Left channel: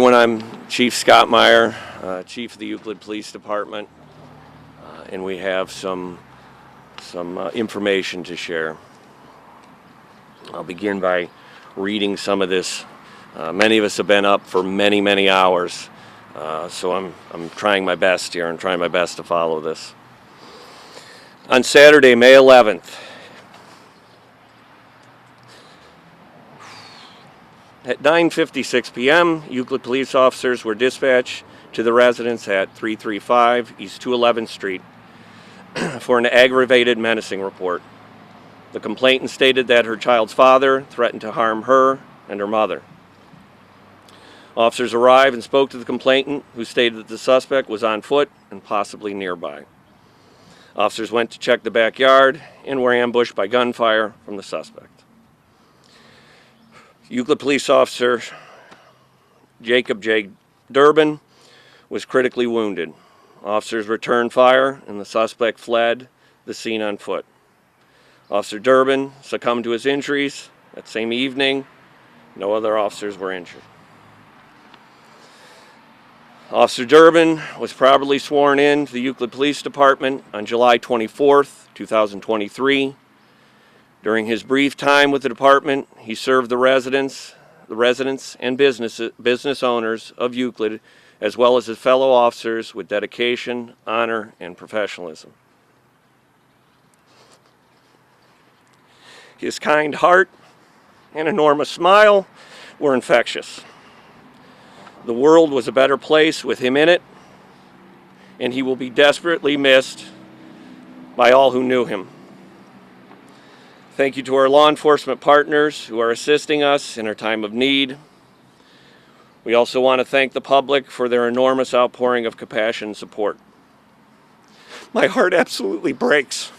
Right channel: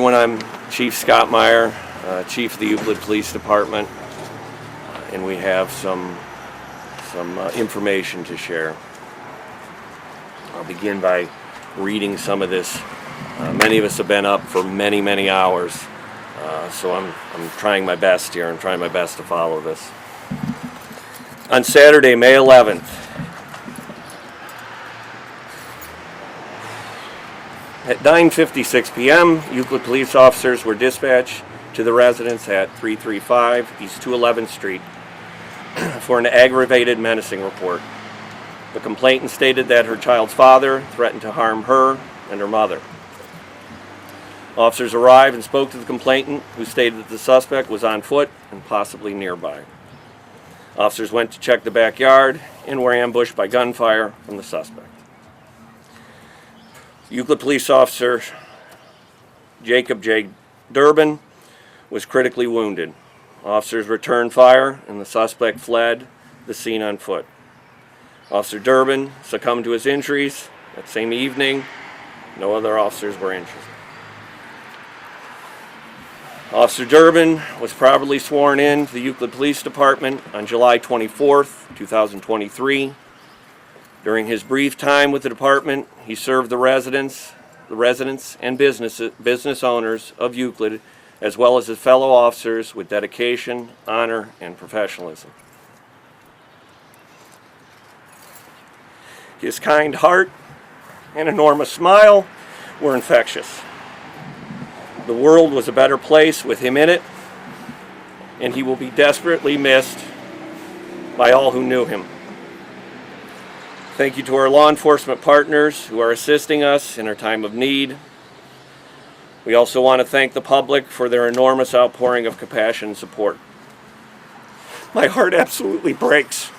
everyone, I'm Chief Scott Meyer, Chief of the Euclid Police Department, and we have some information to share. I'll begin by reading some of this. Many of us have been up for many hours, so I'm trying my best here. I'm trying my best to follow this. On Saturday, May 11th, at 9:56 p.m., Euclid police officers were dispatched to the residence at 335 East 211th Street for an aggravated menacing report. The complainant stated that her child's father threatened to harm her and her mother. Officers arrived and spoke to the complainant, who stated that the suspect was on foot and possibly nearby. Officers went to check the backyard and were ambushed by gunfire from the suspect. Euclid police officer Jacob Derbin was critically wounded. Officers returned fire and the suspect fled the scene on foot. Officer Derbin succumbed to his injuries that same evening. No other officers were injured. Officer Derbin was properly sworn in to the Euclid Police Department on July 24th, 2023. During his brief time with the department, he served the residents and business owners of Euclid, as well as his fellow officers, with dedication, honor, and professionalism. His kind heart and enormous smile were infectious. The world was a better place with him in it, and he will be desperately missed by all who knew him. Thank you to our law enforcement partners who are assisting us in our time of need. We also want to thank the public for their enormous outpouring of compassion and support. My heart absolutely breaks.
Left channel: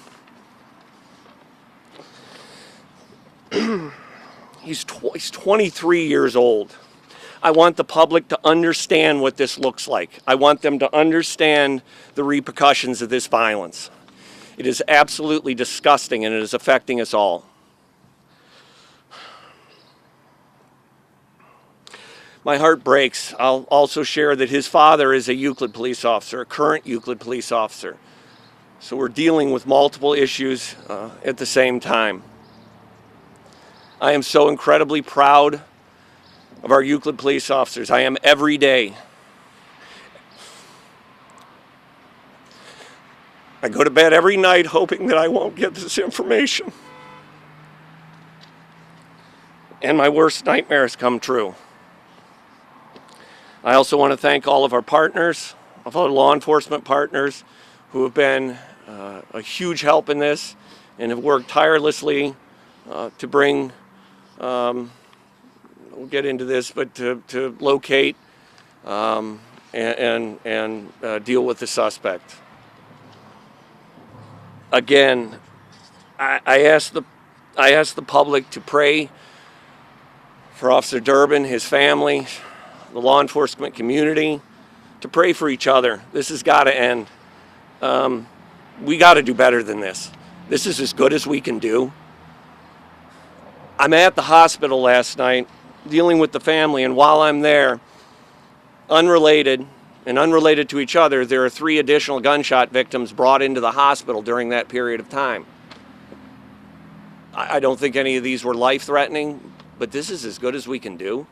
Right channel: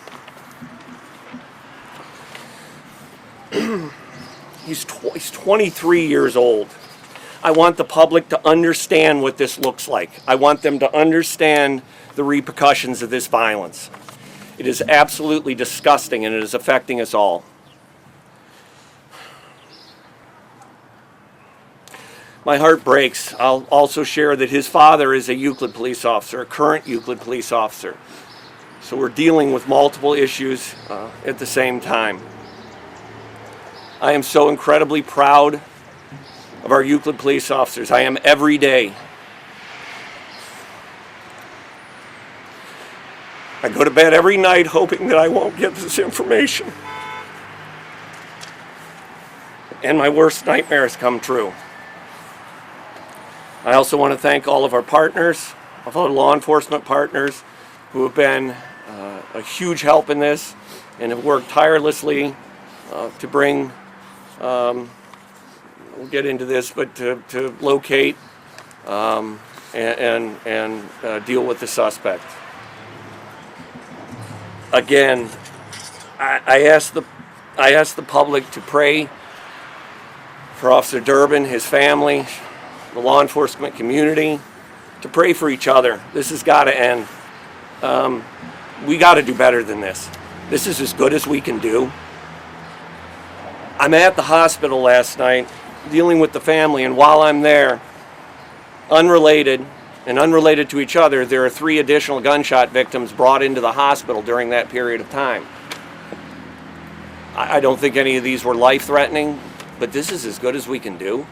He's 23 years old. I want the public to understand what this looks like. I want them to understand the repercussions of this violence. It is absolutely disgusting, and it is affecting us all. My heart breaks. I'll also share that his father is a Euclid police officer, a current Euclid police officer. So we're dealing with multiple issues at the same time. I am so incredibly proud of our Euclid police officers. I am every day. I go to bed every night hoping that I won't get this information. And my worst nightmares come true. I also want to thank all of our partners, all our law enforcement partners, who have been a huge help in this and have worked tirelessly to bring, we'll get into this, but to locate and deal with the suspect. Again, I ask the public to pray for Officer Derbin, his family, the law enforcement community, to pray for each other. This has got to end. We got to do better than this. This is as good as we can do. I'm at the hospital last night dealing with the family, and while I'm there, unrelated to each other, there are 3 additional gunshot victims brought into the hospital during that period of time. I don't think any of these were life-threatening, but this is as good as we can do.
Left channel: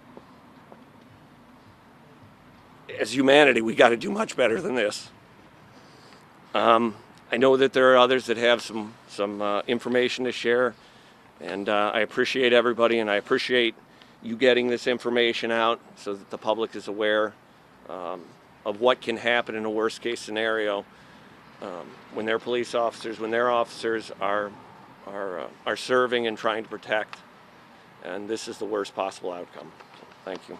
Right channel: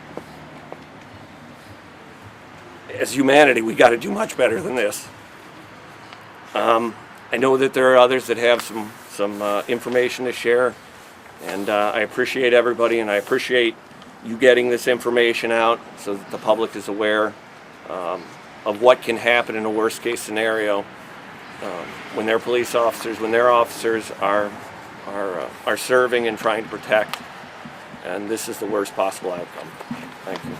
As humanity, we got to do much better than this. I know that there are others that have some information to share, and I appreciate everybody, and I appreciate you getting this information out so that the public is aware of what can happen in a worst-case scenario when their police officers, when their officers are serving and trying to protect, and this is the worst possible outcome. Thank you.